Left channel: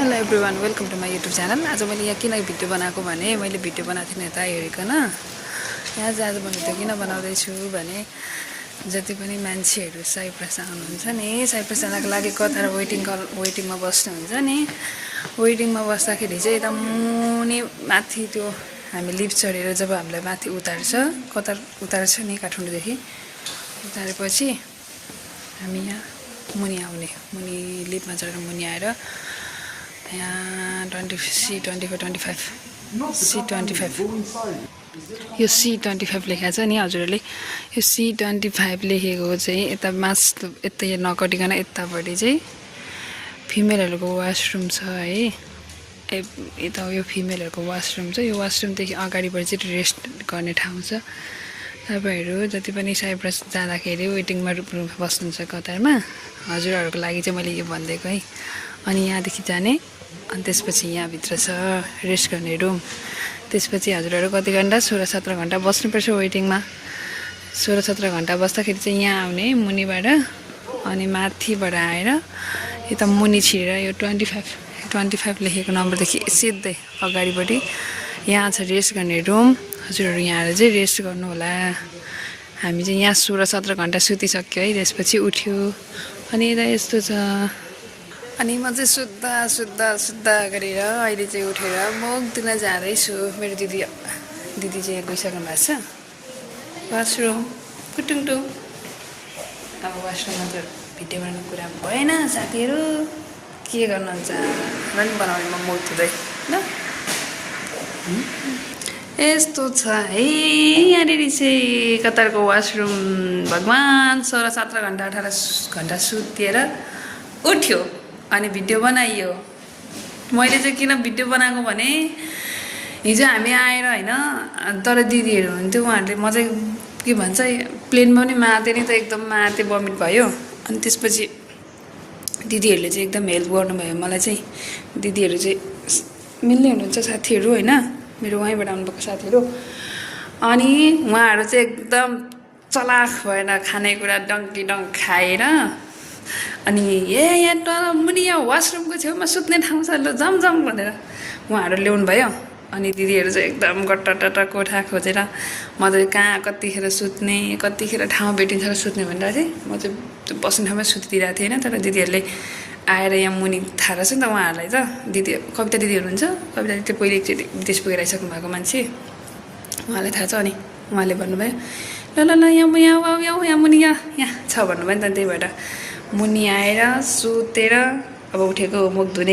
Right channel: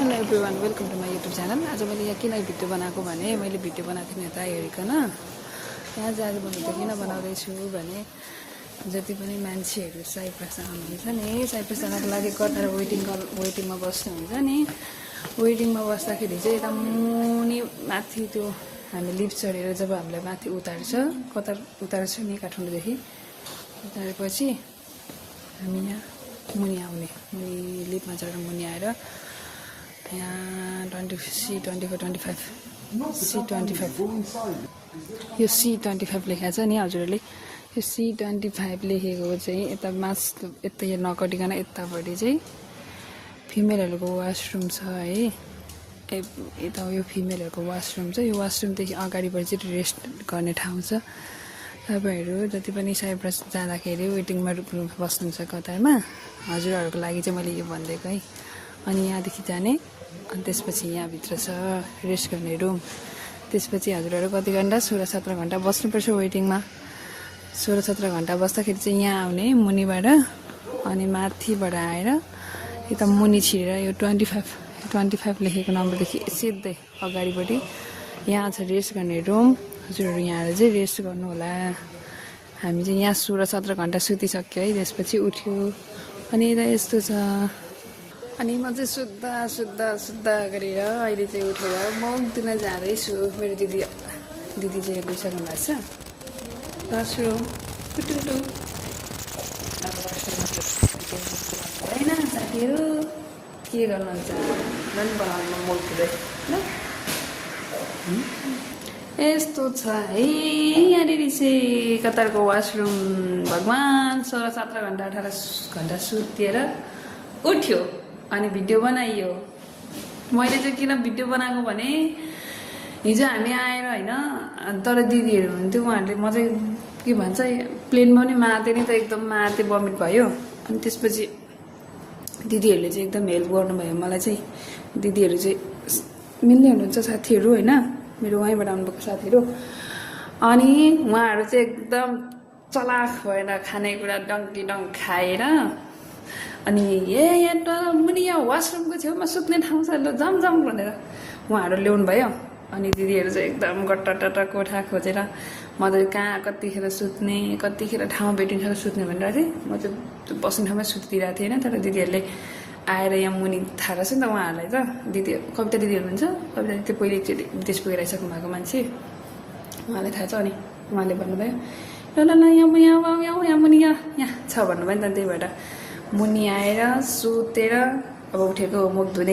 Hello everyone, welcome to my YouTube channel. आज मैले यहाँ किन भिडियो बनाएको भने मैले भिडियो बनाएको थिएँ यता हेरिकन। यहाँ चाहिँ आज मैले भिडियो किन बनाउँदैछु भने जति पनि मान्छेहरू साइप्रस आउनुहुन्छ नि, साइप्रस जानको लागि कतार वेटिङमा बस्नुहुन्छ नि, वेटिङमा बस्दाखेरि चाहिँ यता मुनि माथि त्यो हामी लिफ्ट चढेर जब हामीलाई माथि उतार्छ नि काठमाडौँदेखि उतारेपछि हामी यहाँ मुनि आउने, मुनि लिफ्टमा चढेर मुनि आएर यहाँ C25 यो C25 लेखेको छ नि हजुरहरूले। यो C25 लेखेको चाहिँ यता यता नकटिकन यतापट्टि चाहिँ फिमेलहरूको वासरुम छ है। यता यो फिमेलहरूको वासरुम छ। यो वासरुमदेखि अगाडिबाट चाहिँ रेस्ट गर्ने ठाउँ छ। तपाईँहरू जति पनि साइप्रस जाँदाखेरि वेटिङमा बस्नुहुन्छ कतारमा, हजुरहरूको लागि चाहिँ मैले यो भनिदिएको है। अनि यहाँदेखि जाने, अनि त्यसपछि यहाँभित्र छ रेस्ट गर्ने रुम। त्यसपछि हजुरहरू कति घन्टा 16-17 घन्टा बस्नुपर्छ वेटिङमा। 16-17 घन्टा बस्दाखेरि चाहिँ यहाँ आउने मुनिबाट, अनि माथिबाट आएर यता मुनि छिरेर यो 25 लेखेको नम्बरदेखि सिधै अगाडिपट्टि यहाँ छ रेस्ट गर्ने रुम। हजुरहरू यहाँ आएर चाहिँ रेस्ट गर्नु होला। हामी चाहिँ यहाँ 16-17 घन्टा सुतिसक्यो है। त्यसपछि उठ्यो अनि यता यस्तो छ। अनि म चाहिँ सुत्दा गरेर अहिले चाहिँ उठेर मुख दिन जाँदैछु। मेरो दिदी चाहिँ यहाँ गइसक्नु भएको छ वासरुम कुटुङटुङ। अब वासरुममा त भिडियो बनाउने कुरा भएन साथीहरू, के गर्नुहुन्छ पनि बनाउने म मुख धुँदै ल। यस्तो छ है यहाँनिर चाहिँ कतारको वासरुम। भगवान् 16-17 घन्टा 18 घन्टा सुतेर उठ्यो अनि भिडियो बनाइयो। मैले चाहिँ किन भिडियो बनाएको भने हिजो हामी आएर होइन, तर दिदीहरू हुन्थ्यो, उहाँहरूले म चाहिँ के भन्छ प्लेनमा पनि मार्दै नि त एकदम मार्दै बमिट भयो। अनि त्यसपछि दिदीहरूले चाहिँ एकदम हेल्प गर्नुभयो मलाई चाहिँ। दिदीहरू चाहिँ मिल्ने हुनुहुन्छ साथीहरू होइन, मेरो वहीँबाट आउनुभएको साथीहरू। अनि उहाँहरू चाहिँ एकदम चलाख भएर खानेकुरा डङ्की खाएर अनि यहाँ तल मुनि यहाँ वासरुमको छेउमा सुत्ने ठाउँ छ ल जम भनेर उहाँहरू ल्याउनु भयो। अनि दिदीहरू चाहिँ एकदम गट्टा कोठा खोजेर मजाले कहाँ कतिखेर सुत्ने, कतिखेर ठाउँ भेटिन्छ सुत्ने भनेर चाहिँ म चाहिँ त्यो बस्ने ठाउँमै सुतिदिरहेको थिएँ होइन। तर दिदीहरूले आएर यहाँ मुनि थाहा रहेछ नि त उहाँहरूलाई त। दिदी कविता दिदी हुनुहुन्छ, कविता दिदी पहिले एकचोटि विदेश पुगेर आइसक्नु भएको मान्छे, उहाँलाई थाहा छ। अनि उहाँले भन्नुभयो ल यहाँ मुनि यहाँ छ भन्नुभयो नि त। त्यही भएर मुनि आएर सुतेर अब उठेको मुख धुने